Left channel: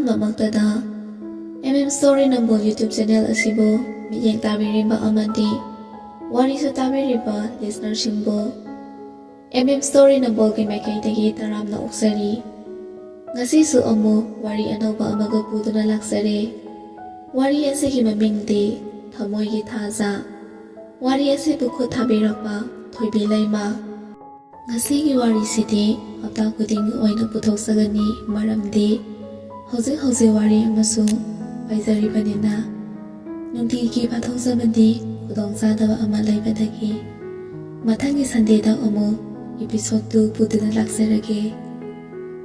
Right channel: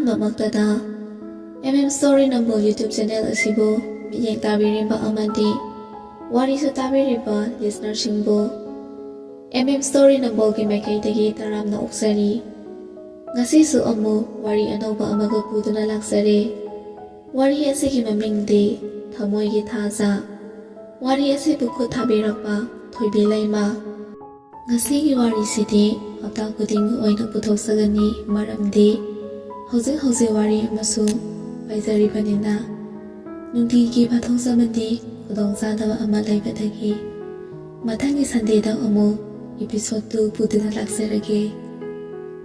ꯑꯍꯥꯟꯕꯃꯛꯇꯗ Story Number YouTube channel asibu miyeng tabiriba amadi warisu tabiriba listener simbu Story Number gi maikaitagi taramna uksari ngasisu amu wari anauba amaga puduna laksare wari asigi mamingdi thamoi gi thaja wari asibu khut thabirakpa thoibi laima ngasigi wari sidi hapta kuding oina puthoksagani maramdi hojik wari amasu paisaribanina nungtigi pathoksabadi khudongsadaba ama laibadagi mathangi Sunday da amu episode 2 puduna laksarage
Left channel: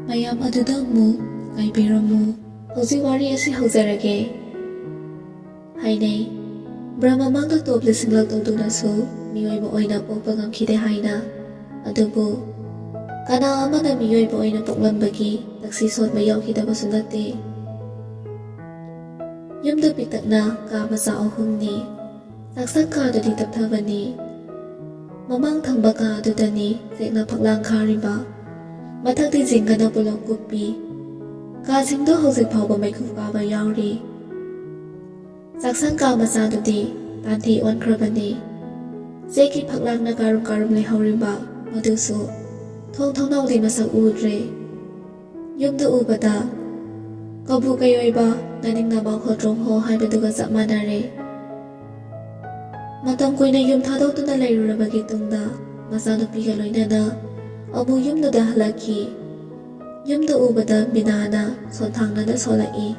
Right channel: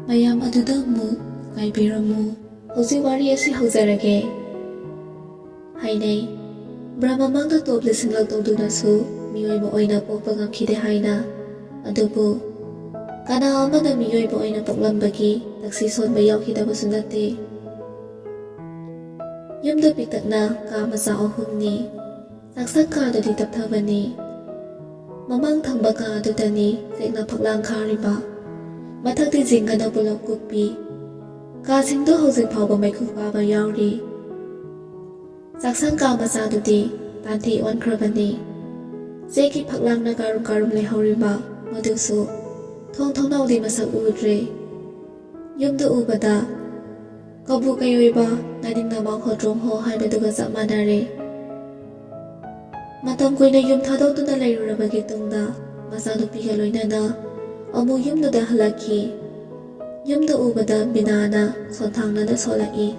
mayam aduda mu ngaibiramu hojik wari asi hojarage hainei Brahma mangda top lisinglak tawdunasu miyoiba oina pokpa ngamkhide haina adubu kana amana miyoiba oina poklambagi taksi sonba yaukhidabasu natte yumda piktakna ka macha ahumni saksak ka dadi tapthabani mamang thangba ka adutani sekna phaklang khariba mathakti jingana pulak kuppi ka singdo hojik phawba maikhu paba yauri saksan ka macha dudi tanthi onkrabani seki phaklang na karum lehoriba madusu thong naudi masak udre yumda ubada kabu kayoiba naning nama khodrong ho haibaduga chapmanare matam koina yum thadawtuna leirurabagi tungda macha nupiga loinana amu yumda halaki yumda ubada binana sonthangnana solai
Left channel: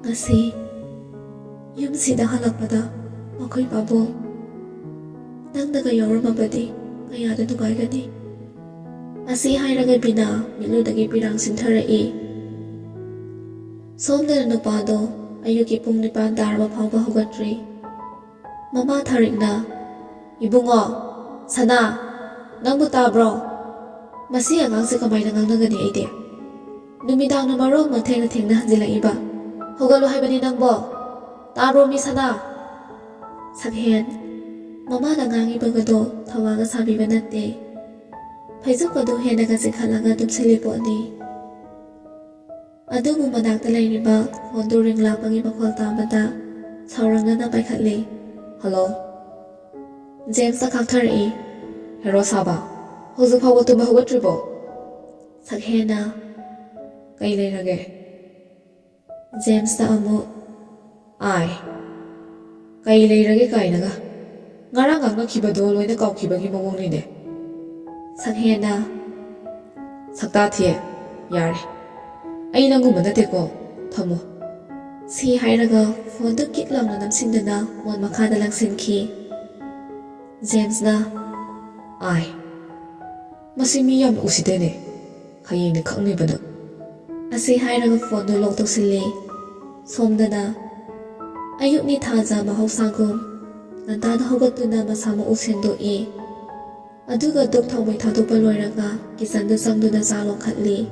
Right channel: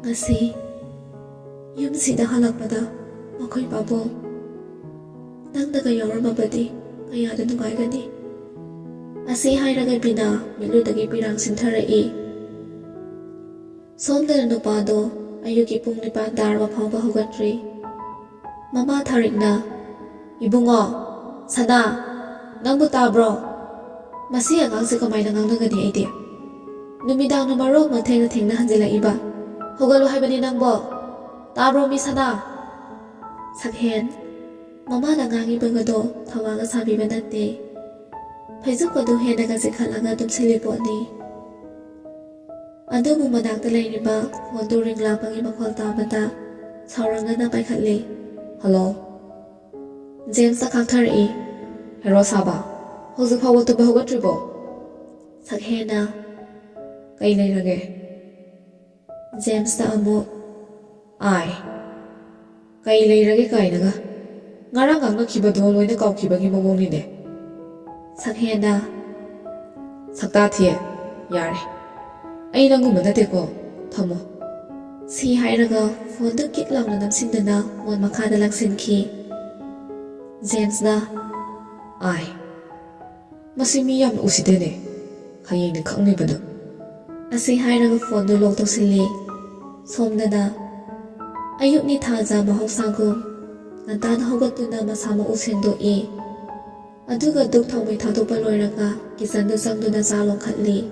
ngasi yum sida halakpada makhoi pabo nangdaga yawramabadi kayada nugaigani asi hairaga bina miludagi pirang sintharai somdana nupado ayuki pung 9 tarba phawba hogatri mama tharikna ibungo sana nangbu tabro masi angangse kamaina ngangnagani aide numidang na maro thengna hanjilaiba hogalo haibani nangbo tabro mi sana sakhen mama na ngangi bagado thawaga sabiba natte phaijukadu henaga sikhalaga tumsiliponi adubu manakta lairiba phone ring lapagi makhol tabada saurangna paikhatle hello James ta khakthari hero saba hoju phawo tuba hogatribo sakhena kai leirage James ta amu ai kai leirage kainaga ngarang angna khibado loina kawkhibagi mawongni ne sakhena sakta thie yare ai nangu manateko thamo si hairaga phone du kit langna namsindana mon makhada langsinki James na ai masimi yam usidene khayeng ne khangni bana asi hairaga phone du log tawsilli somdana ayukni thaja mahausagum ngantana hogatuna masama usendo e aduga duk thawbai thadopa loiraga kisandu sangduna chalon khatli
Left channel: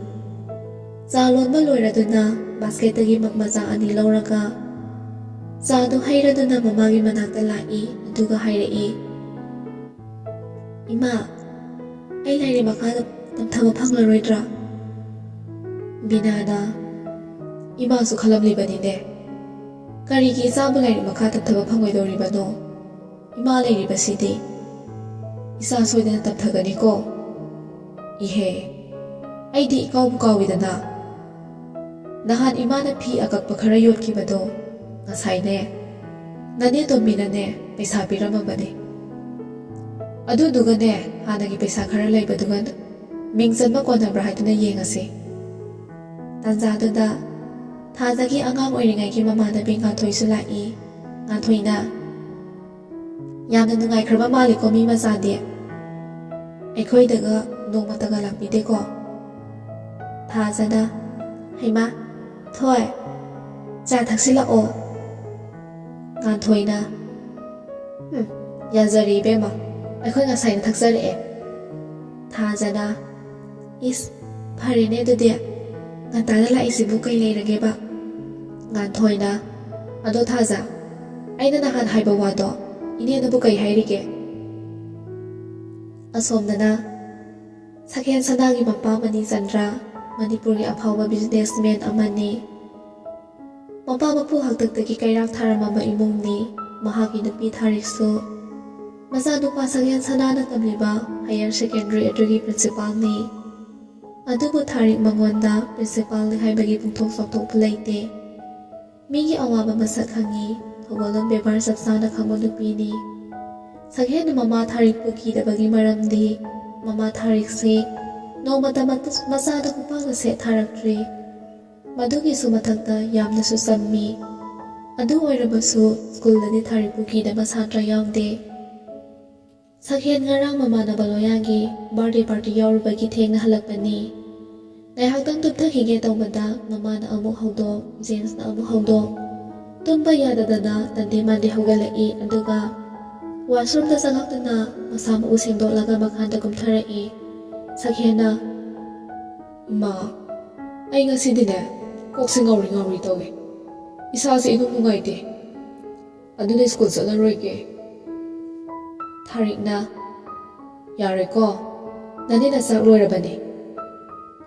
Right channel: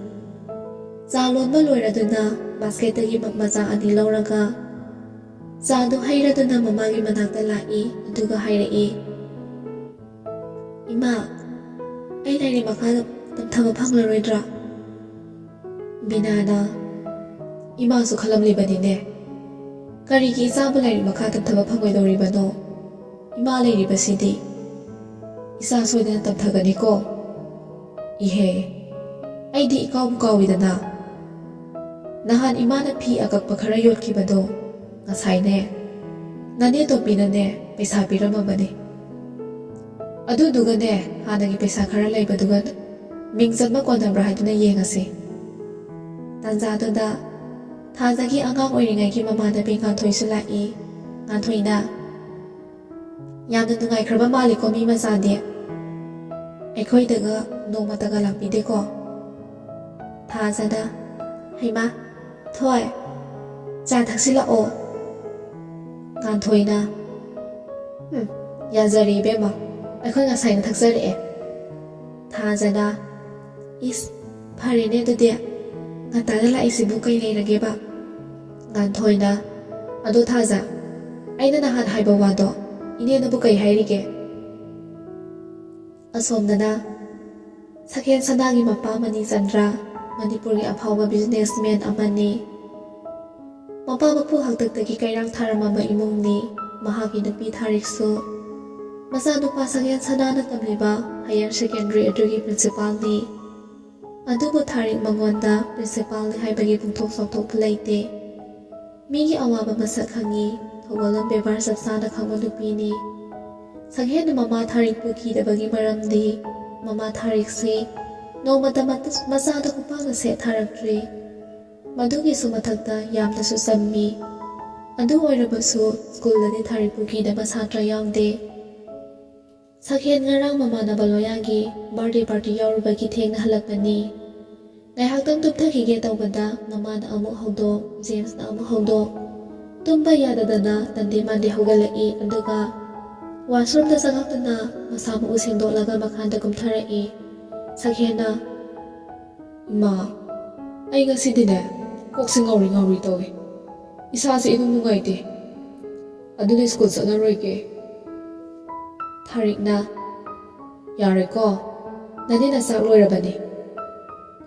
chalon ba loiraduna basket tagi makmacha ani lauraga chadu hairaduna mamagi manakta lai aduga hairai ima ai lairi makha tamthama phanglaroidra binana ima su khalamli banine karigi isabu lairi makha tamthaba phangoidoribano ima lairi basidi isa soidana tamthagani ko ihe aidi ikaw bukawidana nahan imana phi akakpa khara yotkibado ngasaine nane to binane paisa piramabani adudugane hanagi paisa khara laibadugan mingjanba konabra haiduna yengase tanjadada thajagi angang oiringai gi mamada bingan thoisu lai nganthoi yamna nungai khraba maliko mi masande aikhoi daga nongma daga lakpide ko thajada haima thoi cha thaksila o nganthoi yazari bema aikhoi ngasai na thaksare e thajada is pharine dode ngantada la isibu kai leirage ba nganthoi ado thaja aina nahan haiba wado ine na bu kai hairige asomdana sakhen sanagi mappa mani chandra ꯃꯅꯤꯄꯨꯔꯒꯤ ꯑꯐꯥꯎꯕ businessman ꯑꯃꯅꯤ꯫ ꯃꯄꯥ ꯃꯄꯨ ꯍꯥꯛꯇꯛꯇꯒꯤ ꯀꯩꯔꯥꯛ ꯊꯥꯔꯝꯃꯕ ꯏꯃꯨꯡꯅꯤ꯫ ꯃꯍꯥꯛꯀꯤ ꯅꯨꯄꯤ ꯊꯥꯔꯤꯛꯁꯨ ꯃꯆꯥꯅꯨꯄꯥ ꯁꯛꯍꯦꯟ ꯁꯅꯥꯅ ꯇꯝꯂꯤꯕ ꯍꯥꯌꯔ ꯁꯦꯀꯦꯟꯗꯔꯤ ꯑꯗꯨꯒꯤ ꯄ꯭ꯔꯤꯟꯁꯤꯄꯥꯜꯅꯤ꯫ ꯑꯗꯨꯕꯨ ꯊꯥꯔꯤꯛ ꯃꯉꯣꯟꯗ ꯄ꯭ꯔꯤꯟꯁꯤꯄꯥꯜꯅꯤ ꯍꯥꯏꯕꯒꯤ ꯄꯨꯡꯊꯣꯛ ꯆꯥꯎꯊꯣꯛꯄ ꯂꯩꯇꯦ꯫ ꯃꯤꯒꯤ ꯑꯋꯥꯕ ꯃꯁꯛ ꯈꯪꯉꯤ, ꯊꯧꯒꯜꯂꯣꯟ ꯕꯦꯕꯥꯔ ꯆꯞ ꯆꯥꯅ ꯈꯪꯕ ꯅꯨꯄꯤꯅꯤ꯫ ꯁꯛꯍꯦꯟꯅ ꯃꯃꯥ ꯊꯥꯔꯤꯛꯄꯨ ꯀꯤꯗꯕꯒꯤ ꯃꯔꯝꯗꯤ ꯃꯃꯥ ꯊꯥꯔꯤꯛꯁꯤ ꯅꯣꯡꯃꯇ ꯃꯆꯥꯗ ꯈꯨꯄꯥꯛꯅ ꯁꯦꯠ ꯊꯥꯔꯛꯇ꯭ꯔꯤ꯫ ꯃꯗꯨꯒꯤꯁꯨ ꯃꯊꯛꯇ ꯌꯥꯝꯅꯁꯨ ꯆꯝꯃꯤ꯫ ꯑꯗꯨ ꯑꯣꯏꯔꯕꯁꯨ ꯁ꯭ꯀꯨꯜꯗꯗꯤ ꯊꯥꯔꯤꯛꯄꯨ ꯀꯤꯗꯕ ꯁꯥꯇ꯭ꯔ ꯌꯥꯎꯗꯦ꯫ ꯁꯛꯍꯦꯟ ꯉꯔꯥꯡ ꯃꯃꯥꯟꯅꯕ ꯂꯣꯌꯥꯒꯤ ꯕꯥꯔꯗꯦ ꯄꯥꯔꯇꯤ ꯌꯥꯎꯔꯨꯕꯒꯤ ꯊꯦꯡꯅ ꯍꯜꯂꯛꯄꯅꯤ꯫ ꯉꯥꯏꯍꯥꯛꯇꯪ ꯇꯨꯝꯊꯈꯤꯒꯦ ꯇꯧꯕꯗ ꯃꯃꯥꯅ ꯑꯃꯨꯛ ꯍꯧꯗꯣꯛ, ꯖꯦꯝꯁꯅ ꯑꯃꯨꯛ ꯍꯧꯗꯣꯛ, ꯇꯨꯝꯕ ꯌꯥꯗꯗꯅ ꯇꯟꯗꯦ ꯃꯥꯟꯗꯦ ꯍꯧꯒꯠꯂꯛꯏ ꯑꯗꯨꯒ ꯋꯥꯁꯔꯨꯝꯗ ꯆꯪꯉꯛꯇꯨꯅ ꯃꯁꯥ ꯃꯎ ꯁꯦꯡꯗꯣꯛꯂꯒ ꯃꯈꯥꯗ ꯀꯨꯝꯊꯔꯛꯏ꯫ ꯁꯛꯍꯦꯟꯅ, "ꯏꯃꯥ, ꯑꯩ ꯉꯁꯤꯗꯤꯅꯦ ꯀꯣꯛꯁꯦ ꯉꯥꯎꯔꯤ ꯇꯧꯏ, ꯏꯁꯥꯁꯦ ꯏꯅꯨꯡ ꯅꯨꯡꯉꯥꯏꯇꯦ, ꯑꯗꯨꯅ ꯁ꯭ꯀꯨꯜ ꯆꯠꯂꯔꯣꯏꯒꯦ." ꯊꯥꯔꯤꯛꯅ, "ꯌꯥꯔꯦꯀꯣ, ꯅꯅꯦꯅ ꯆꯥꯛ ꯂꯣꯏꯔꯕꯅꯤ,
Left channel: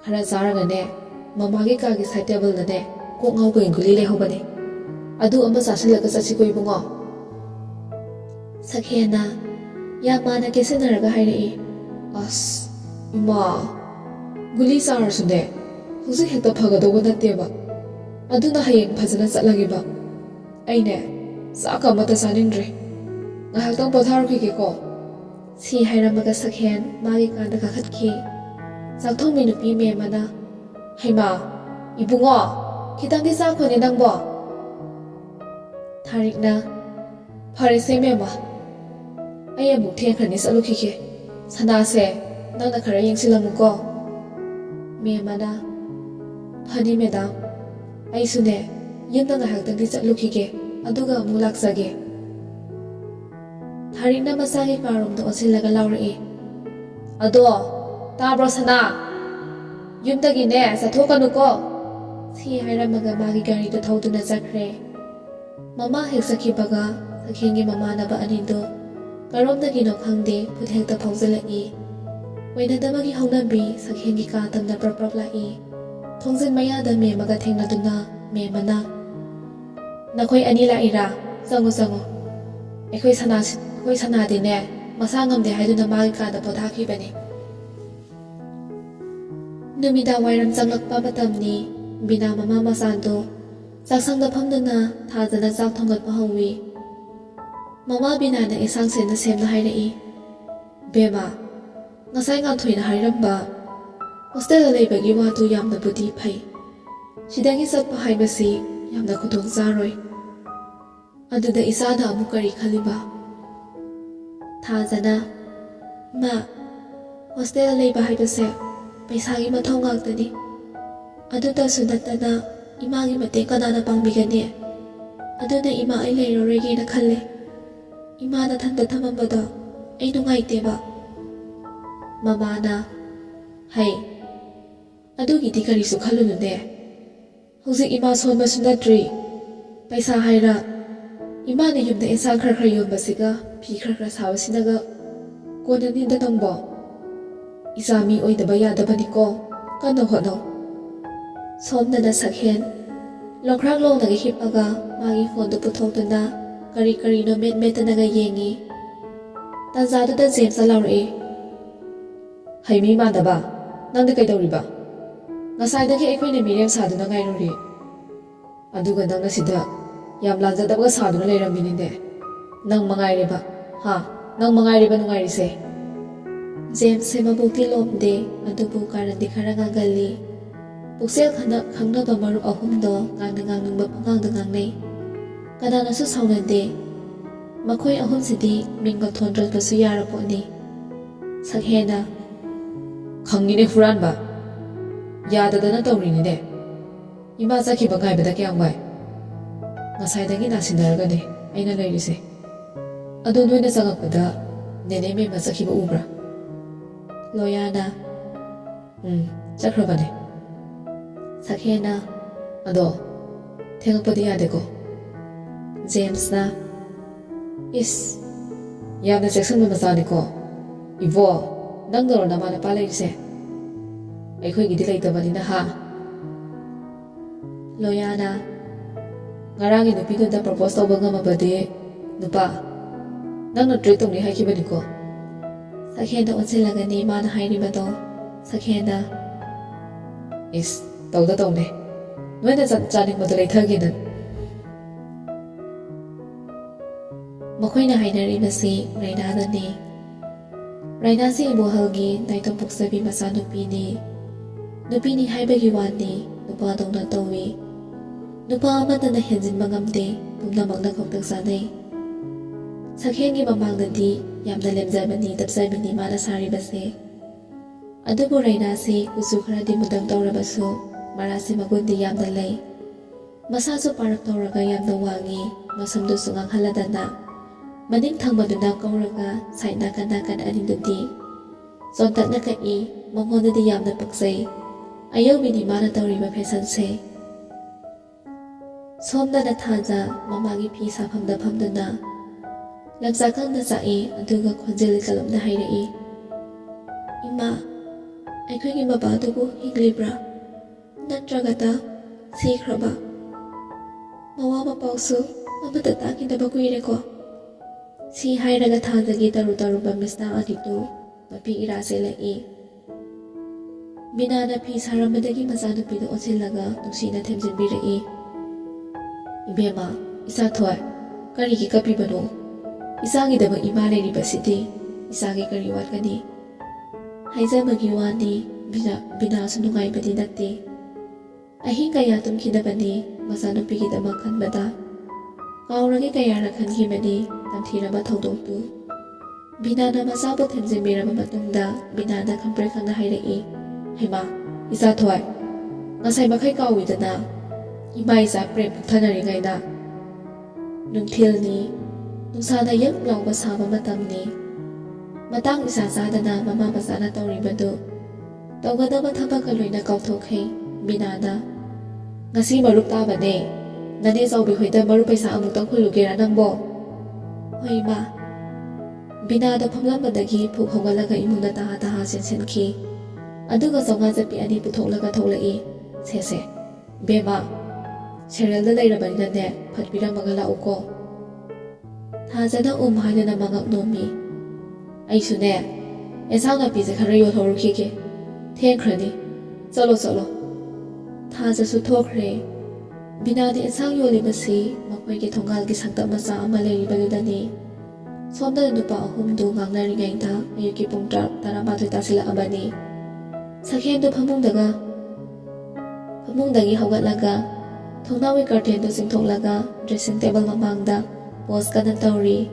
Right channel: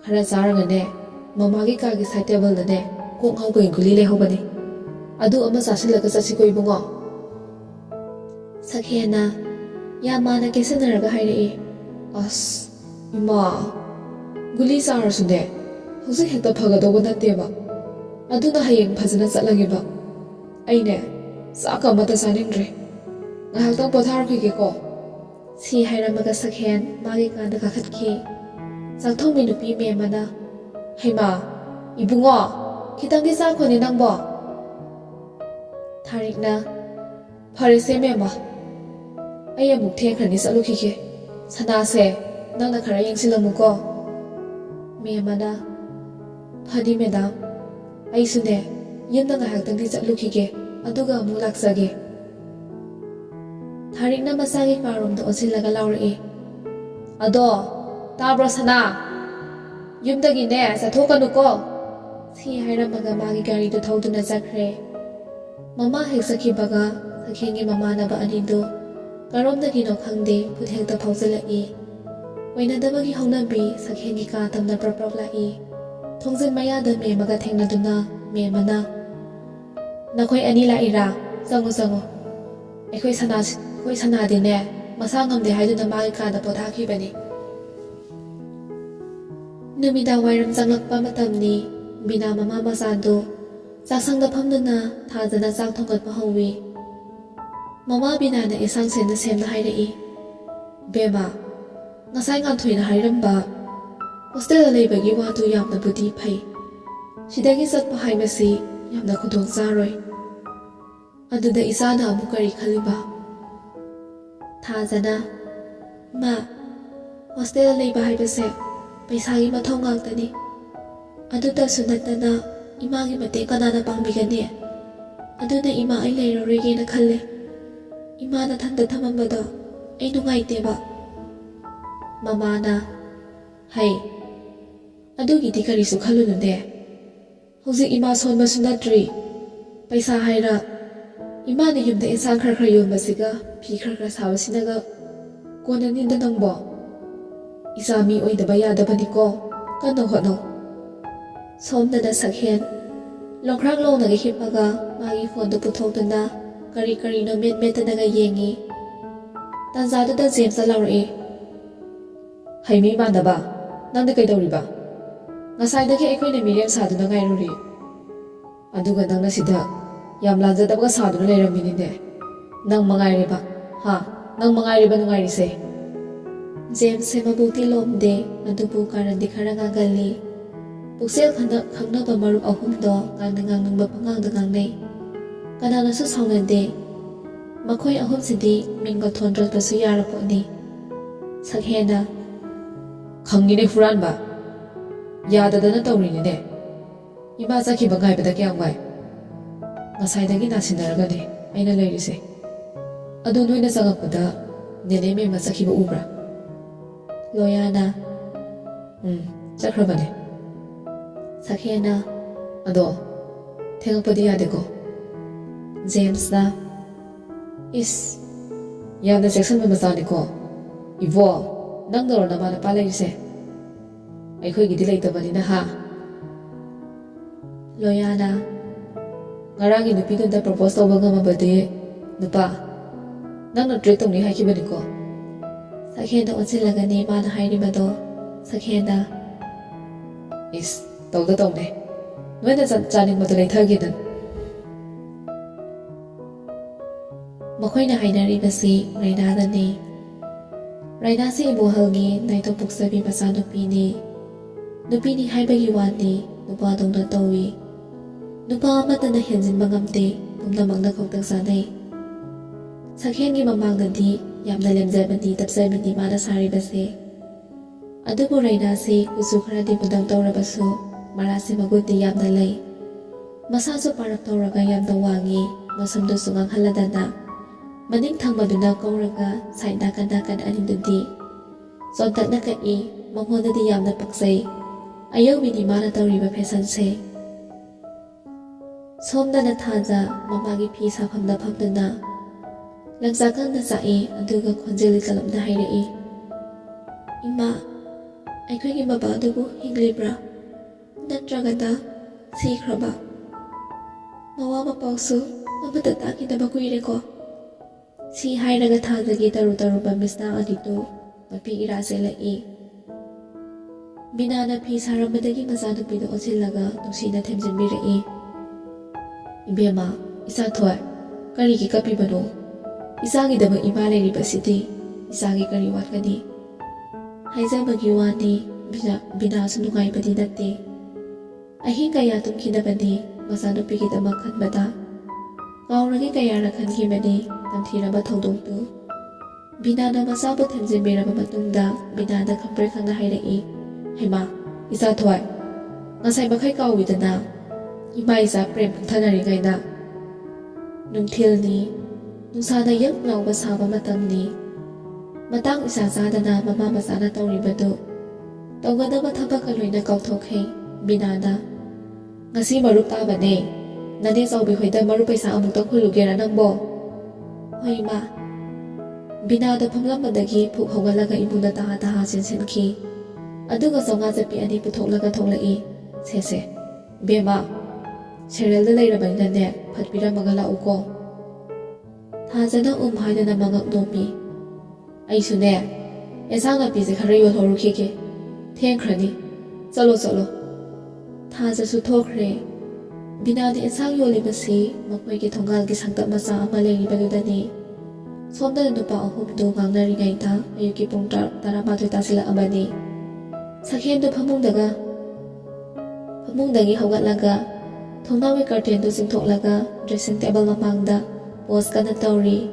ꯈꯔ ꯆꯥꯔꯒꯅꯦ ꯃꯃꯥꯒꯤ ꯀꯥꯒꯤ ꯁꯥꯏꯠ ꯇꯦꯕꯜꯗꯅꯦ ꯀꯣꯛ ꯉꯥꯎꯕꯒꯤ ꯒꯨꯂꯤ ꯂꯩꯍꯧꯕꯅꯤ, ꯑꯗꯨ ꯑꯃ ꯆꯥꯁꯤꯜꯂꯒ ꯆꯠꯁꯤꯀꯣ ꯏꯕꯨꯡꯉꯣ." ꯁꯛꯍꯦꯟꯅ ꯌꯥꯝ ꯃꯥꯟꯅ ꯀꯦꯁꯤꯟꯅꯔꯒ ꯍꯥꯏꯔꯛꯏ, "ꯑꯁ ꯏꯃꯥ, ꯒꯨꯂꯤ ꯆꯥꯔꯁꯨꯅꯦ ꯍꯧꯖꯤꯛ ꯍꯦꯛꯇ ꯐꯒꯗꯧꯕ ꯅꯠꯇꯦꯕ, ꯑꯗꯨꯅ ꯍꯌꯦꯡ ꯐꯖꯅ ꯆꯠꯂꯒꯦꯕ. ꯑꯩꯅꯦ ꯆꯥꯛꯀ ꯑꯃꯠꯇ ꯆꯥꯅꯤꯡꯗ꯭ꯔꯦ, ꯉꯥꯏꯍꯥꯛꯇꯪ ꯄꯣꯊꯥꯔꯨꯈꯤꯒꯦꯀꯣ." ꯁꯤ ꯍꯥꯏꯔꯝꯃꯒ ꯁꯛꯍꯦꯟ ꯃꯥꯒꯤ ꯀꯥꯗ ꯀꯥꯈꯠꯈꯤ꯫ ꯆꯥꯛꯊꯣꯡꯕꯤ ꯅꯨꯄꯤ ꯃꯦꯝꯃꯅ, "ꯍꯩꯃꯥ, ꯏꯕꯨꯡꯉꯣ, ꯈꯤꯇꯪꯗꯤ ꯆꯥꯈꯣꯅꯦ ꯅꯪꯕꯣ." ꯊꯥꯔꯤꯛꯅ, "ꯐꯔꯦꯁꯦ ꯃꯦꯝꯃ, ꯑꯩ ꯑꯃꯨꯛ ꯊꯦꯡꯈ꯭ꯔꯅꯤ, ꯆꯠꯂꯨꯈꯤꯒꯦ. ꯁꯅꯥꯁꯦ ꯅꯪꯅ ꯈꯔ ꯌꯦꯡꯁꯤꯜꯂꯝꯃꯨꯀꯣ." ꯃꯦꯝꯃꯅ, "ꯐꯅꯤ ꯃꯦꯗꯥꯝ, ꯑꯩꯁꯨꯅꯦ ꯌꯨꯝꯗ ꯉꯥꯏꯍꯥꯛꯇꯪꯗꯤ ꯆꯠꯂꯨꯈꯤꯒꯦ, ꯑꯗꯨꯒ ꯑꯃꯨꯛ ꯂꯥꯛꯆꯒꯦ." ꯊꯥꯔꯤꯛꯅ ꯃꯆꯥꯒꯤ ꯀꯥꯔꯣꯝꯗ ꯑꯣꯟꯁꯤꯜꯂꯒ ꯂꯥꯎꯔꯛꯏ, "ꯑꯗꯣ ꯇꯥꯕ꯭ꯔꯣ ꯁꯅꯥ, ꯌꯨꯝꯗꯒꯤꯅꯦ ꯆꯠꯊꯣꯛꯀꯅꯨꯀꯣ." ꯁꯤ ꯍꯥꯏꯔꯝꯃꯒ ꯃꯥꯒꯤ ꯒꯥꯔꯤꯗꯨ ꯊꯧꯗꯨꯅ ꯆꯠꯈ꯭ꯔꯦ꯫ ꯃꯃꯥ ꯍꯦꯛ ꯆꯠꯈꯤꯕꯒ ꯁꯛꯍꯦꯟꯒꯤ ꯃꯃꯥꯟꯅꯕ ꯑꯅꯤꯗꯨ ꯀꯔꯣꯝꯗꯒꯤꯅꯣ ꯈꯪꯗꯦ ꯐꯨꯠ ꯍꯦꯛꯇ ꯐꯥꯎꯖꯤꯜꯂꯛꯏ꯫ ꯑꯣꯏꯅꯗꯕꯒꯤ ꯍꯧꯅꯕꯤ ꯁꯛꯍꯦꯟꯒꯤ ꯀꯥ ꯇꯝꯅ ꯄ꯭ꯔꯞ ꯂꯥꯛꯏ꯫ ꯊꯣꯡꯖꯤꯟ ꯃꯌꯥꯗ ꯃꯦꯝꯃꯒ ꯊꯦꯡꯅꯗꯨꯅ ꯃꯦꯝꯃꯅ, "ꯅꯈꯣꯏ ꯑꯅꯤ ꯂꯥꯛꯏꯔꯥ? ꯆꯪꯉꯨ. ꯑꯩꯈꯣꯏ ꯁꯅꯥꯗꯤꯅꯦ ꯃꯁꯥ ꯉꯝꯗꯦ ꯍꯥꯏꯗꯨꯅ ꯃꯥꯒꯤ ꯀꯥꯗ ꯄꯣꯊꯥꯈꯤꯕꯅꯤ." ꯅꯨꯃꯤꯗꯥꯡ ꯋꯥꯏꯔꯝ ꯆꯪꯂꯛꯄ ꯃꯇꯝꯅꯤ꯫ ꯕꯤꯅꯥ ꯃꯃꯥ ꯃꯆꯥꯗꯨ ꯆꯥꯛꯁꯪꯗ ꯐꯝꯗꯨꯅ ꯊꯥꯖꯅ ꯆꯥꯛ ꯊꯣꯡꯒꯠꯄ ꯍꯧꯋꯤ꯫ ꯃꯃꯥ ꯕꯤꯅꯥꯅ ꯏꯟꯁꯥꯡ ꯁꯦꯝꯅ ꯍꯥꯏꯔꯛꯏ, "ꯕꯦꯝꯃ, ꯉꯁꯥꯏ ꯉꯥꯟꯊꯣꯏꯅ ꯍꯥꯏꯔꯝꯕ ꯍꯣꯁꯇꯦꯜꯗ ꯂꯩꯕꯒꯤ ꯋꯥꯗꯨ ꯌꯥꯝꯅꯕꯨꯗꯤ ꯐꯩ. ꯁꯤꯗꯒꯤ ꯆꯠꯄ ꯍꯥꯏꯕꯁꯤ ꯌꯥꯝꯅ ꯈꯨꯗꯣꯡ ꯆꯥꯔꯣꯏ. ꯑꯗꯨꯗ ꯏꯆꯥꯅ ꯑꯃꯨꯛ ꯀꯔꯤ ꯈꯜꯂꯤꯕ?" ꯊꯥꯖꯅ, "ꯏꯃꯥ, ꯍꯣꯁꯇꯦꯜꯗ ꯂꯩꯕ ꯍꯥꯏꯕꯁꯦ ꯄꯩꯁꯥꯒꯤ ꯃꯊꯧ ꯉꯥꯛꯇꯅꯤ. ꯑꯗꯨꯇꯁꯨ ꯅꯠꯇꯅ ꯏꯃꯥꯒꯤ ꯃꯇꯦꯡ ꯀꯅꯥꯅ ꯄꯥꯡꯕꯤꯒꯅꯤ? ꯑꯗꯨꯅ ꯏꯃꯥ, ꯑꯩ ꯂꯩꯔꯔꯣꯏꯒꯦꯅ ꯈꯜꯂꯦ. ꯏꯃꯥꯅ ꯊꯟꯗ ꯊꯝꯃꯝꯕꯗ ꯑꯩ ꯅꯨꯡꯉꯥꯏꯇꯦꯕ." ꯃꯃꯥꯅ, "ꯍꯩ, ꯑꯗꯨꯒꯤꯗꯤ ꯀꯔꯤꯁꯨ ꯈꯜꯂꯨꯅꯨꯅꯦ. ꯍꯧꯖꯤꯛ ꯏꯃꯥ ꯁꯣꯟꯕꯁꯨ ꯅꯠꯇ꯭ꯔꯤ. ꯄꯩꯁꯥ ꯍꯥꯏꯔ ꯏꯃꯥꯅ ꯌꯨꯝꯗ ꯏꯟꯁꯥꯡ ꯈꯔ ꯌꯣꯟꯕꯁꯤꯒ ꯐꯤ ꯈꯔ ꯁꯥꯕꯁꯤꯅꯒ ꯀꯣꯟꯅꯅꯤꯗ ꯅꯪꯕꯣ. ꯏꯆꯥ ꯃꯤ ꯑꯣꯏꯗꯕ ꯌꯥꯗꯕꯅꯤꯀꯣ, ꯀꯟꯅ ꯍꯣꯠꯅꯧ." ꯁꯣꯝꯗꯅ ꯁꯛꯍꯦꯟ ꯂꯣꯡꯈ꯭ꯔꯥꯛ ꯂꯣꯡꯅꯒ ꯍꯤꯞꯄꯒ ꯃꯥꯒꯤ ꯐꯣꯟꯗꯨ ꯄꯨꯊꯣꯛꯇꯨꯅ ꯀꯔꯤꯅꯣ ꯃꯦꯠꯇꯅꯒ ꯌꯦꯡꯉꯤ꯫ ꯇꯥꯟꯖꯥꯗꯨꯗ ꯖꯦꯝꯁꯅ ꯂꯥꯎꯔꯛꯏ, "ꯍꯩꯃꯤ ꯃꯥꯟꯗꯕ, ꯅꯪꯗꯤ ꯀꯩꯗꯧꯔꯤꯕ? ꯉꯁꯥꯏꯗꯒꯤ ꯑꯩꯈꯣꯏꯅ ꯃꯤꯔꯦꯝ ꯁꯥꯗꯨꯅ ꯉꯥꯏꯔꯨꯔꯤ, ꯑꯗꯨꯒ ꯅꯪꯅ ꯁꯤꯗ ꯌꯥꯝ ꯂꯥꯟꯖꯗꯕꯒ ꯁꯥꯗꯨꯅ ꯂꯩꯔꯝꯃꯤꯅꯤꯅꯦ. ꯅꯪ ꯃꯉꯥꯏꯔꯦꯕ, ꯅꯪ ꯃꯉꯥꯏꯔꯦꯕ ꯅꯨꯡꯉꯥꯏꯔꯤꯁꯦ." ꯖꯦꯝꯁꯁꯦ ꯃꯕꯨꯛꯇꯤ ꯂꯣꯝꯗꯦ, ꯑꯗꯨꯕꯨ ꯀꯥꯔꯟꯗꯤ ꯈꯔ ꯉꯥꯡꯒꯜꯂꯤ꯫ ꯄꯨꯛꯆꯦꯜ ꯈꯪꯅꯕ ꯃꯔꯨꯞ ꯑꯍꯨꯝꯗꯣ ꯉꯥꯡꯅꯤꯡꯕ ꯄꯪꯉꯥꯡꯗ ꯉꯥꯡꯅꯩ, ꯀꯅꯥꯅꯁꯨ ꯁꯥꯎꯅꯗꯦ꯫ ꯃꯈꯣꯏ ꯑꯍꯨꯝꯁꯤꯗꯤ ꯃꯤꯡꯒ ꯊꯣꯟꯗ꯭ꯔꯕꯁꯨ ꯌꯥꯔ ꯄꯣꯠꯅꯤ꯫ ꯁꯛꯍꯦꯟꯅ, "ꯈꯪꯉꯤꯅꯦ ꯍꯨꯔꯥꯟꯕ, ꯌꯥꯗꯗꯅ ꯇꯧꯔꯤꯅꯤꯅꯦ. ꯏꯃꯥ ꯆꯠꯈꯤꯕ ꯉꯥꯏꯕꯗ ꯀꯌꯥꯝ ꯋꯥꯏ. ꯉꯁꯥꯏꯗꯒꯤ ꯅꯥꯁꯤꯟꯅꯔꯒꯅꯦ ꯑꯩꯅ ꯂꯩꯔꯤꯁꯦ. ꯑꯗꯣ ꯅꯣꯏꯅ ꯆꯪꯉꯛꯄꯗ ꯅꯦꯅꯦ ꯃꯦꯝꯃ ꯆꯠꯈꯤꯕ ꯎꯕ꯭ꯔꯥ?" ꯂꯣꯌꯥꯅ, "ꯆꯠꯈ꯭ꯔꯕꯅꯦ." ꯁꯛꯍꯦꯟꯅ, "ꯑꯗꯣ ꯊꯦꯡꯉꯛꯄꯗꯤ ꯌꯥꯗꯦꯀꯣ." ꯖꯦꯝꯁꯅ, "ꯏꯁ, ꯌꯥꯝꯅ ꯆꯦꯛꯁꯤꯟꯕ ꯃꯆꯥꯅꯤꯀꯣ. ꯏꯕꯣ, ꯅꯪꯗꯧꯔꯣ ꯅꯃꯥ ꯅꯄꯥ ꯂꯩꯔꯤꯁꯦ?" ꯑꯩꯈꯣꯏꯒꯤꯗꯤ ꯂꯩꯇꯕꯅꯤꯅ ꯍꯥ ꯂꯣꯌꯥꯅ ꯉꯔꯥꯡꯒꯤ ꯅꯨꯄꯤꯗꯨꯗ ꯄ꯭ꯔꯄꯣꯁ ꯇꯧꯕ ꯉꯝꯃꯕꯗꯤ ꯅꯨꯄꯥ ꯅꯪꯅ ꯇ꯭ꯔꯤꯠ ꯇꯧꯅꯤ ꯍꯥꯏꯈꯤꯕꯅꯤꯀꯣ ꯁꯛꯍꯦꯟꯗ ꯑꯣꯟꯁꯤꯜꯂꯒꯅꯤ ꯃꯥꯅ ꯍꯥꯏꯔꯤꯕꯗꯣ ꯁꯛꯍꯦꯟꯅ ꯏꯁ ꯇꯧꯗ ꯇꯧꯅꯦ ꯅꯣꯏꯅ ꯆꯥꯅꯤꯡꯕꯗꯣ ꯂꯩꯊꯒꯦꯅ ꯃꯈꯣꯏꯅ ꯍꯥꯏꯅꯔꯤꯕꯁꯤ ꯔꯩꯅꯥꯗꯅꯤ ꯔꯩꯅꯥꯁꯤ ꯏꯕꯣꯍꯜꯒꯤ ꯅꯥꯏꯇꯣꯝ ꯄꯣꯛꯆꯕꯤ ꯃꯆꯥꯅꯨꯄꯤꯅꯤ ꯅꯨꯄꯤꯅꯤ ꯍꯥꯏꯕꯒꯤ ꯋꯥꯅꯤ ꯅꯨꯄꯥꯗꯧꯅ ꯇꯧꯏ ꯅꯨꯄꯥ ꯑꯃꯠꯇꯅ ꯍꯦꯟꯖꯤꯟꯕ ꯉꯝꯗꯦ ꯄꯨꯝꯅꯃꯛꯅ ꯈꯧꯇꯛ ꯆꯥꯅꯩ ꯁꯛꯍꯦꯟꯒꯤ ꯃꯃꯥꯡꯗꯗꯤ ꯌꯥꯝꯅ ꯂꯦꯝꯖꯕꯅꯤ ꯇꯞꯆꯕꯤꯅꯤ ꯃꯥꯅ ꯁꯥꯔꯤꯕꯁꯦ ꯑꯗꯨꯕꯨ ꯔꯩꯅꯥꯁꯤ ꯀꯨꯆꯨ ꯈꯔꯗꯤ ꯃꯨꯗꯪ ꯇꯧꯔꯕꯁꯨ ꯃꯔꯥꯁꯤ ꯃꯒꯨꯟꯗꯤ ꯌꯥꯝꯅ ꯂꯩ ꯃꯁꯥꯁꯨ ꯄꯥꯔꯞ ꯇꯧꯔꯒ ꯌꯥꯝꯅ ꯋꯥꯡꯉꯤ ꯃꯁꯝꯗꯨꯁꯨ ꯉꯥꯡꯍꯜꯂꯗꯅ ꯃꯅꯤꯡ ꯊꯪꯕꯗꯨꯅ ꯀꯧꯔꯒ ꯁꯥꯏꯠ ꯅꯥꯀꯟ ꯑꯅꯤꯗꯨꯗꯤ ꯆꯣꯟꯇꯛꯅ ꯀꯛꯏ ꯃꯉꯣꯟꯗꯗꯤ ꯌꯥꯝꯅ ꯄꯛꯆꯩ ꯑꯌꯧꯕꯤꯅꯤ ꯃꯥꯅ ꯇꯧꯔꯤꯕ ꯐꯦꯁꯟꯁꯦ ꯁꯣꯝꯗꯅ ꯊꯥꯖ ꯃꯃꯥꯒꯤ ꯐꯤ ꯁꯥꯐꯝꯗ ꯐꯝꯗꯨꯅ ꯂꯝꯆꯥꯛꯀꯪꯅ ꯆꯥꯛꯏ ꯑꯗꯨꯒ ꯈꯣꯟꯖꯦꯜ ꯀꯂꯞꯅ ꯍꯥꯏꯔꯛꯏ ꯏꯃꯥ ꯑꯩꯈꯣꯏꯒꯤ ꯕꯕꯥꯗꯨꯕꯨ ꯍꯤꯡꯂꯤꯕ꯭ꯔꯥ ꯅꯠꯇ꯭ꯔꯒꯅ ꯁꯤꯈ꯭ꯔꯕ ꯃꯋꯥ ꯃꯄꯥꯎꯁꯨ ꯑꯃꯠꯇ ꯇꯥꯈꯤꯗꯕ ꯀꯨꯏꯔꯦꯀꯣ ꯁꯤ ꯍꯥꯏꯔꯒ ꯊꯥꯖꯒꯤ ꯇꯔꯨ ꯇꯔꯨꯕ ꯃꯤꯁꯅꯥ ꯑꯅꯤꯗꯨ ꯃꯄꯤ ꯏꯔꯥ ꯆꯦꯜꯂꯛꯏ ꯕꯤꯅꯥꯅ ꯐꯤ ꯁꯥꯔꯝꯕꯗꯒꯤ ꯃꯆꯥꯅꯨꯄꯤꯗ ꯑꯣꯟꯁꯤꯜꯂꯒ ꯅꯨꯡꯁꯤꯅ ꯊꯦꯝꯖꯤꯟꯕꯤꯔꯛꯏ ꯏꯕꯦꯝꯃ ꯏꯆꯥꯊꯣꯏ ꯀꯔꯤꯒꯤ ꯀꯞꯄꯤꯕꯅꯣ ꯏꯆꯥꯒꯤꯗꯃꯛ ꯏꯃꯥ ꯂꯩꯔꯤꯕꯁꯤꯗꯤ ꯏꯆꯥꯒꯤ ꯀꯔꯤ ꯋꯥꯠꯀꯅꯤ ꯍꯥꯏꯖꯕꯒꯤ ꯋꯥꯅꯤ ꯕꯤꯅꯥꯁꯨ ꯅꯨꯡꯉꯥꯏꯕꯗꯤ ꯅꯠꯇꯦ ꯑꯍꯤꯡ ꯀꯌꯥ ꯇꯨꯝꯈꯤꯗꯕꯅꯤ ꯃꯆꯥꯅꯨꯄꯤꯒꯤꯗꯃꯛ ꯈꯟꯕꯗ ꯀꯥꯎꯔꯒꯦ ꯀꯌꯥꯔ ꯈꯟꯈꯤꯕꯅꯤ ꯇꯝꯊꯤꯔꯕ ꯊꯧꯗꯣꯛꯇꯨ ꯕꯤꯅꯥꯅ ꯃꯆꯥꯕꯨ ꯊꯦꯝꯖꯤꯟꯕꯤꯔꯕ ꯃꯇꯨꯡꯗ ꯕꯤꯅꯥꯅ ꯈꯪꯄ꯭ꯔꯦꯛ ꯈꯪꯅ ꯍꯥꯏꯔꯛꯏ ꯍꯩꯃꯥ ꯏꯆꯥꯊꯣꯏ ꯉꯁꯥꯏ ꯃꯈꯩ ꯀꯥꯎꯏꯗꯅ ꯏꯃꯥ ꯏꯆꯥ ꯄ꯭ꯔꯦꯝ ꯄꯨꯛꯊꯅꯔꯤꯉꯩꯗ ꯅꯨꯡꯊꯤꯜꯅꯤ ꯅꯨꯡꯁꯥꯅ ꯌꯛ ꯂꯥꯎꯕ ꯁꯥꯕ ꯃꯇꯝꯅꯤ ꯃꯇꯥꯡ ꯏꯆꯥ ꯆꯥꯗꯅ ꯃꯃꯥ ꯃꯆꯥꯅ ꯇꯧꯔꯤꯕꯗꯨ ꯇꯧꯒꯗꯕ ꯊꯕꯛꯀ ꯂꯣꯏꯅ ꯀꯥꯎꯊꯣꯛꯈꯤ ꯕꯤꯅꯥꯅ ꯉꯁꯤ ꯃꯔꯨꯞ ꯇꯥꯕꯅꯦ ꯅꯅꯦ ꯆꯥꯎꯕꯤ ꯍꯣꯏꯗ ꯃꯔꯨꯞ ꯄꯩꯁꯥ ꯑꯃꯨꯛꯇꯪ ꯍꯨꯜꯂꯨꯒꯦꯔꯥ ꯅꯪꯕꯣ ꯍꯣꯏ ꯏꯃꯥ ꯕꯤꯅꯥꯗꯣ ꯐꯝꯂꯝꯕꯗꯒꯤ ꯐꯨꯛ ꯍꯧꯒꯠꯂꯒ ꯏꯃꯨꯡꯗ ꯇꯍꯥ ꯆꯦꯟꯁꯤꯟꯈꯤ ꯑꯗꯨꯒ ꯆꯧꯉꯥ ꯆꯠꯄꯤ ꯑꯅꯤ ꯄꯨꯊꯣꯛꯂꯒ ꯊꯣꯛꯂꯛꯏ ꯁꯦ ꯕꯦꯝꯃ ꯁꯦꯔꯦꯜꯗ ꯂꯩꯔꯕꯅꯤꯅꯅꯦ ꯐꯠꯄꯤꯔꯝꯃꯒ ꯂꯥꯛꯎꯀꯣ ꯊꯥꯖꯅ ꯍꯥꯏꯗꯨꯅ ꯃꯉꯛ ꯅꯣꯝꯃꯤ ꯑꯩꯁꯨꯅꯦ ꯑꯦꯟꯁꯥꯡ ꯅꯥꯄꯤꯁꯦ ꯈꯔ ꯌꯣꯜꯍꯧꯔꯨꯈꯤꯒꯦ ꯊꯦꯡꯈ꯭ꯔꯅꯤ ꯆꯠꯂꯣ ꯊꯥꯖꯁꯨ ꯊꯣꯛꯈ꯭ꯔꯦ ꯕꯤꯅꯥꯅ ꯑꯦꯟꯁꯥꯡ ꯌꯣꯜꯂꯤꯕꯁꯤ ꯃꯈꯣꯏꯒꯤ ꯊꯣꯡꯒꯥꯜꯒꯤ ꯁꯪꯇꯞ ꯃꯆꯥ ꯑꯃ ꯂꯩꯔꯤꯕꯗꯨꯗꯅꯤ ꯁꯣꯝꯗꯅ ꯅꯨꯄꯥ ꯑꯍꯨꯝꯗꯨ ꯉꯥꯡꯅꯔꯤꯉꯩꯗ ꯑꯌꯨꯛꯀꯤ ꯄꯨꯡ 12 ꯇꯥꯁꯤꯜꯂꯛꯑꯕꯅꯤ ꯁꯛꯍꯦꯟꯗꯨ ꯐꯃꯨꯡꯗꯒꯤ ꯍꯧꯒꯠꯂꯒ ꯊꯣꯡꯅꯥꯎꯒꯤ ꯀꯔꯇꯦꯟꯗꯨ ꯆꯤꯡꯊꯣꯛꯂꯒ ꯗ꯭ꯔꯦꯁꯤꯡ ꯇꯦꯕꯜ ꯃꯃꯥꯡꯗ ꯄꯣꯁ ꯀꯟꯅ ꯇꯧꯔꯤ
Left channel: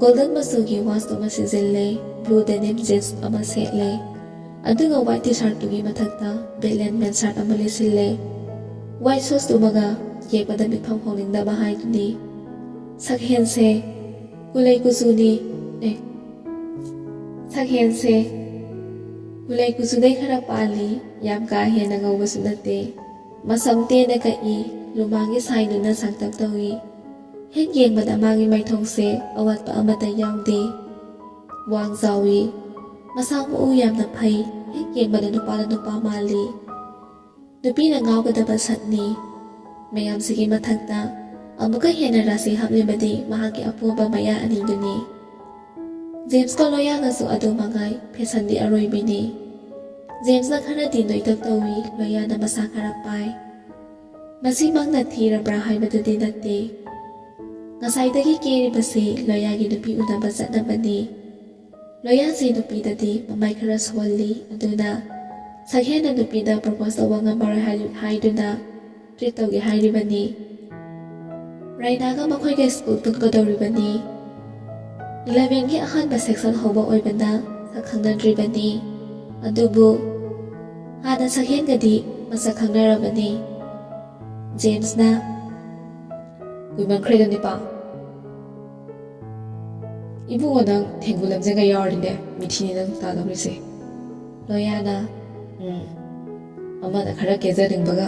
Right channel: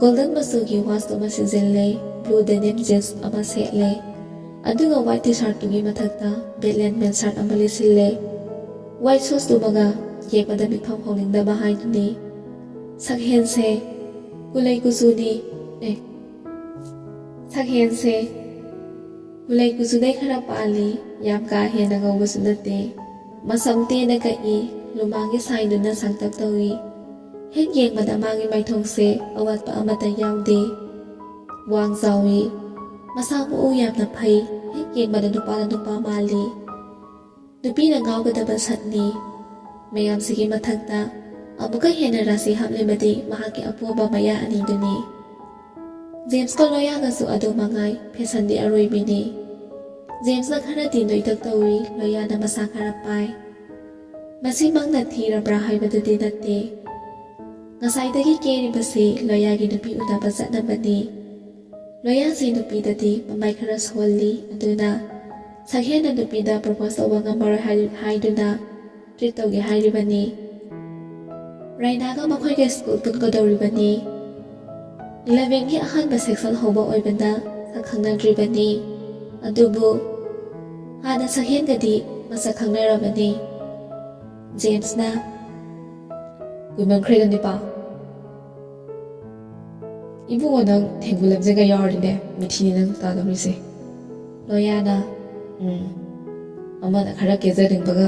ꯒꯣꯜꯗꯟ ꯃꯆꯨꯒꯤ ꯋꯥꯁ ꯑꯃ ꯁꯤꯖꯤꯜꯂꯦ ꯕ꯭ꯂꯨ ꯗꯦꯅꯤꯝ ꯖꯤꯟꯁ ꯑꯃ ꯁꯦꯠꯂꯦ ꯑꯗꯨꯒ ꯋꯥꯏꯠ ꯇꯤ ꯁꯥꯔꯠꯇꯨꯒꯤ ꯃꯊꯛꯇ ꯕꯦꯠꯂꯦꯟ ꯃꯦꯟ ꯁꯥꯔꯠ ꯑꯃ ꯂꯤꯠꯁꯤꯜꯂꯦ ꯋꯥꯏꯠ ꯁꯨꯁꯇꯨꯃꯒ ꯌꯦꯛꯄꯗ ꯃꯤꯠꯐꯝ ꯍꯧꯅꯤꯡꯗꯕ ꯍꯥꯏꯗꯨꯅꯤ ꯁꯛꯍꯦꯟꯁꯦ ꯀꯨꯂꯩ ꯀꯨꯆꯨꯗꯩ ꯈꯔ ꯄꯥꯜꯂꯤ ꯌꯥꯝ ꯀꯥ ꯍꯦꯟꯅ ꯉꯧꯕꯁꯨ ꯅꯠꯇꯦ ꯃꯁꯝ ꯇꯦꯟꯅ ꯀꯛꯏ ꯂꯨꯃꯥꯡꯒꯤ ꯁꯥꯏꯗꯨꯅ ꯁꯥꯡꯇꯛ ꯇꯧꯏ ꯍꯦꯛ ꯌꯦꯡꯕꯗ ꯃꯥꯒꯤ ꯃꯥꯏꯊꯣꯡꯁꯦ ꯑꯋꯥꯠꯄ ꯑꯃꯠꯇ ꯌꯥꯎꯗꯦ ꯋꯥꯡ ꯆꯥꯎꯏ ꯃꯁꯥ ꯃꯎ ꯌꯥꯝꯅ ꯐꯩ ꯍꯦꯛ ꯌꯦꯡꯕꯗ ꯅꯨꯄꯥꯅ ꯅꯨꯄꯥ ꯃꯥꯜꯂꯤ ꯅꯨꯄꯤꯅ ꯉꯥꯎꯒꯗꯕ ꯁꯛꯅꯤ ꯃꯌꯥꯝꯁꯤꯒꯤ ꯃꯊꯛꯇ ꯑꯃꯨꯛꯀ ꯍꯦꯟꯅ ꯔꯥꯁꯤ ꯍꯥꯞꯂꯤꯕꯗꯤ ꯃꯍꯥꯛꯀꯤ ꯑꯄꯣꯕ ꯃꯌꯥ ꯑꯅꯤꯗꯨꯅꯤ ꯖꯦꯝꯁꯀ ꯂꯣꯌꯥꯒꯁꯨ ꯑꯗꯨ ꯃꯉꯥꯏ ꯐꯦꯁꯟꯗꯤ ꯑꯔꯣꯏꯕꯤꯅꯤ ꯖꯦꯝꯁꯅ ꯈꯔꯗꯤ ꯅꯣꯏꯇꯛ ꯇꯧꯏ ꯂꯣꯌꯥꯅ ꯃꯁꯥ ꯈꯔ ꯄꯥꯏ ꯃꯁꯤꯃꯛꯅ ꯊꯤꯔꯕ꯭ꯔꯥ ꯍꯥꯏꯕꯗꯨꯗꯤ ꯅꯠꯇꯦ ꯉꯁꯥꯏꯗꯒꯤ ꯀꯦꯔꯤꯕꯁꯤ ꯂꯣꯌꯥꯒꯤ ꯅꯨꯄꯤ ꯎꯅꯕ ꯆꯠꯅꯕꯅꯤ ꯂꯣꯌꯥꯁꯤ ꯅꯨꯄꯤꯗꯗꯤ ꯃꯃꯥꯏ ꯈꯔ ꯁꯣꯜꯂꯤ ꯑꯗꯨꯅ ꯁꯛꯍꯦꯟꯅ ꯅꯨꯄꯤꯗ ꯄ꯭ꯔꯄꯣꯁ ꯇꯧꯕ ꯉꯝꯃꯔꯣꯏ ꯍꯥꯏꯗꯨꯅ ꯇ꯭ꯔꯤꯠ ꯇꯧꯒꯦ ꯍꯥꯏꯔꯤꯕꯅꯤ ꯔꯩꯅꯥꯒ ꯃꯈꯣꯏꯒ ꯁ꯭ꯀꯨꯜ ꯄꯨꯟꯒꯗꯧꯔꯤꯕꯅꯤ 11ꯒꯤ ꯑꯍꯥꯟꯕ ꯁꯦꯛꯁꯟ ꯍꯧꯕ ꯑꯣꯏꯕꯅ ꯁꯛ ꯈꯪꯅꯗ꯭ꯔꯤꯕꯅꯤ ꯑꯗꯨꯕꯨ ꯍꯥꯟꯅ ꯁꯛꯍꯦꯟꯒꯗꯤ ꯃꯁꯛ ꯈꯪꯅꯔꯕꯅꯤ ꯖꯦꯝꯁꯅ ꯀꯨꯏꯃꯟꯈ꯭ꯔꯦꯗ ꯅꯤꯄꯥ ꯏꯕꯨꯡꯉꯣ ꯅꯪ ꯊꯦꯡꯒꯨ ꯂꯝꯖꯦꯟꯒ ꯌꯥꯎꯔꯗꯤꯅꯦ ꯃꯤꯊꯤꯅꯤ ꯅꯪ ꯇꯥꯗꯧꯔꯤꯁꯦ ꯂꯣꯌꯥꯅ ꯑꯃꯅ ꯈꯔ ꯀꯦꯖꯅꯤꯡꯕꯒ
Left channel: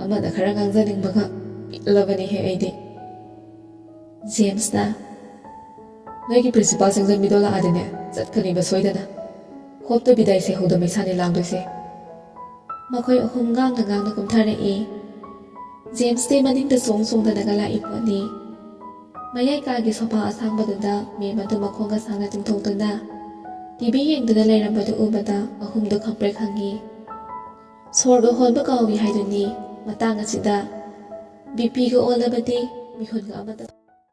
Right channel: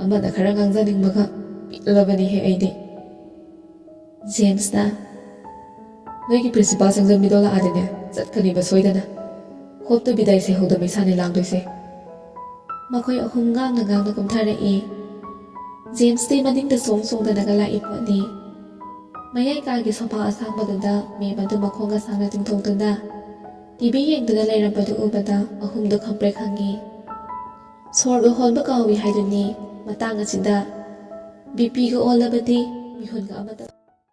ꯑꯃꯅ ꯈꯔ ꯉꯥꯡꯖꯅꯤꯡꯕꯒ ꯄꯤꯛꯂꯕꯅꯤꯍꯦ ꯑꯩꯗꯤ ꯖꯦꯝꯁꯅ ꯅꯣꯏꯒꯤ ꯄ꯭ꯔꯤꯟꯁꯤꯄꯥꯜ ꯆꯪꯖꯟꯕꯤꯗꯣ ꯂꯥꯛꯑꯗꯤꯅꯦ ꯆꯠꯀꯅꯤꯕ ꯁꯣꯏꯗꯅ ꯍꯣꯞꯇ ꯕꯤꯗꯥꯏ ꯁꯦꯍꯧꯗ ꯃꯩꯁꯥꯅꯤ ꯂꯥꯡꯗꯣꯏꯁꯦ ꯃꯈꯣꯏ ꯑꯍꯨꯝ ꯉꯥꯡꯅ ꯀꯨꯝꯊꯔꯛꯏ꯫ ꯖꯦꯝꯁꯇꯤ ꯃꯅꯤꯡꯗ ꯆꯣꯡꯗꯅꯒ ꯂꯥꯛꯏ ꯄꯣꯠꯅꯤ꯫ ꯃꯌꯥꯏ ꯀꯥꯒꯤ ꯁꯣꯐꯥ ꯑꯁꯥꯡꯕꯗꯨꯗ ꯃꯦꯝ ꯑꯗꯨ ꯃꯈꯣꯡꯒ ꯁꯥꯡꯅ ꯇꯤꯡꯊꯣꯛꯇꯨꯅ ꯇꯤꯚꯤ ꯌꯦꯡꯗꯨꯅ ꯂꯩꯔꯝꯕꯗꯨ ꯎꯕꯗ ꯑꯍꯨꯝꯗꯨ ꯈꯪꯄ꯭ꯔꯦꯛ ꯈꯪꯉꯤ꯫ ꯁꯣꯔꯒ ꯍꯣꯟꯕ ꯀꯥꯎꯏ ꯍꯥꯏꯗꯨꯅꯤ ꯃꯇꯥꯡ ꯑꯁꯤꯗ ꯕꯤꯄꯤꯒ ꯑꯣꯜꯂꯕꯗꯤ ꯃꯤꯍꯨꯟꯒ ꯑꯃꯠꯇ